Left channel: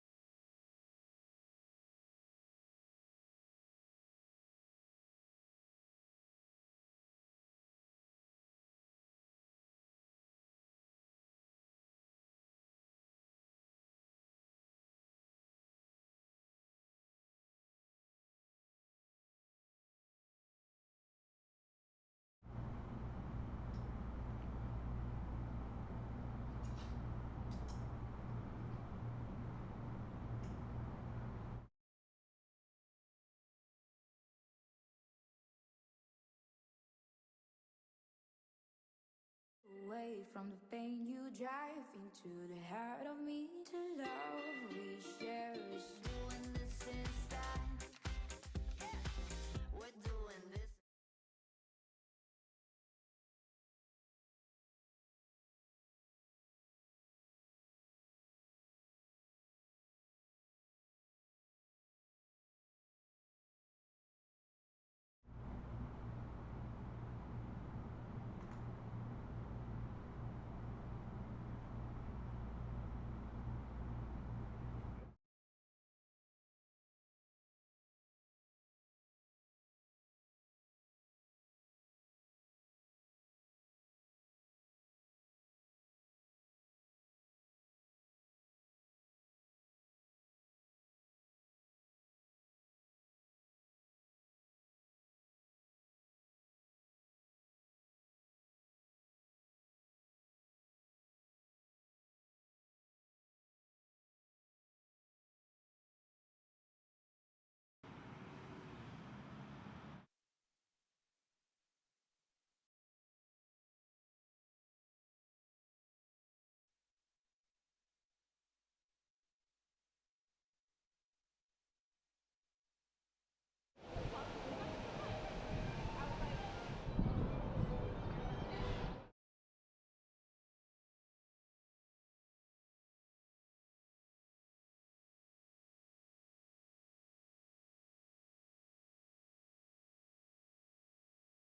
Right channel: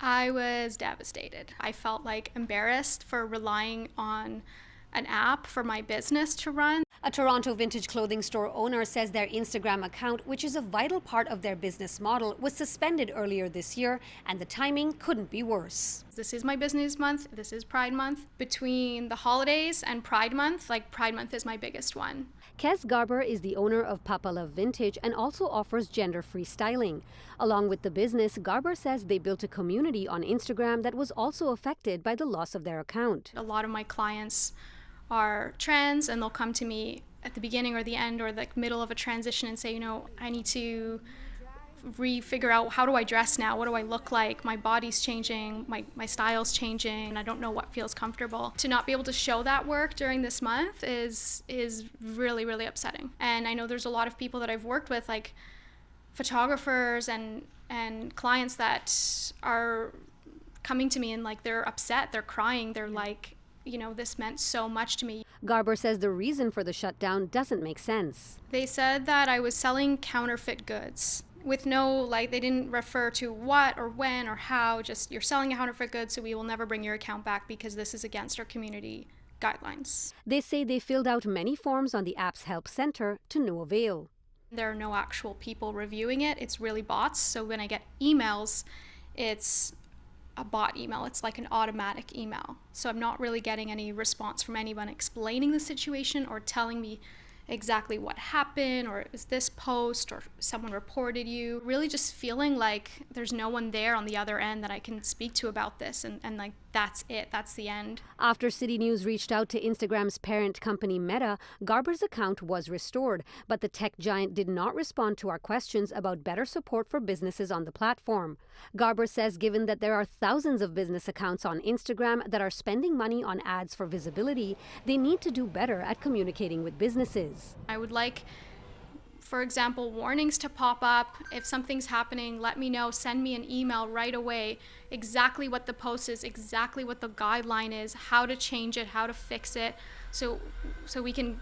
I was devastated. I felt like embarrassed for relying on an app for my business to run. A Toronto vintage clothing store owner says their Instagram account, which is a vital part of their business model, was suspended earlier this year, and the timing couldn't be worse. This is my business month. This is Pride Month. Between the holidays and Pride Month, Pride Month is my biggest one. Kes Garber is the owner of Papa Love Vintage and also offers gender-free styling. Along with the business, Garber says they built a community on Instagram that was also affected by the loss of their account. A lot of my clients are trans, and they'll come to me at the beginning or the end or the middle of a transition and say, I need to figure out, how do I dress now? What do I look like? My body's changing, my style's changing, and I don't know what feels comfortable. To not be able to show that work during this month is really, really upsetting. And I know there's a lot of people that I've worked with, like photographers and clients that are coming to me and they're upset, they're crying, they're like, this meant so much to me. Garber says the reason for the shutdown doesn't make sense. They said that I was selling counterfeit goods with they didn't refer to what or when or how, just you're selling a counterfeit good, so we will never bring your account back because this is against our community guidelines. They say they filled out many forms on the app's help center to no avail. There are no actual people reviewing it. It's really bots. So when I get emails, it's a bot email. It's like an automatic email. So I'm not really getting any response from anyone explaining the situation or telling me exactly what happened, or is this post, or someone reported you. Really just feeling like there's no one there on the other end that I can speak to about this, and that's it, that's the end. After CityNews reached out to Instagram's parent company Meta, Garber's account was restored, but the tech giant did not respond to our questions about better support for businesses on the platform. Garber says given that there are thousands of business accounts on Instagram that are spending money on ads for visibility, they need to do better at communicating with businesses. I would like, for example, warnings to pop up. If something's happening, let me know, send me an email right away, exactly what the post is, exactly what the guideline is, how to change it, how to fix it, so we can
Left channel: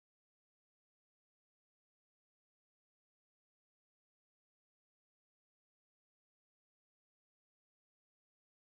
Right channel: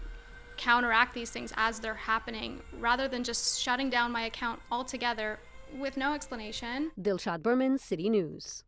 counteract these things as they're happening, rather than just shutting down my account altogether with no explanation. Dilshad Berman, City News.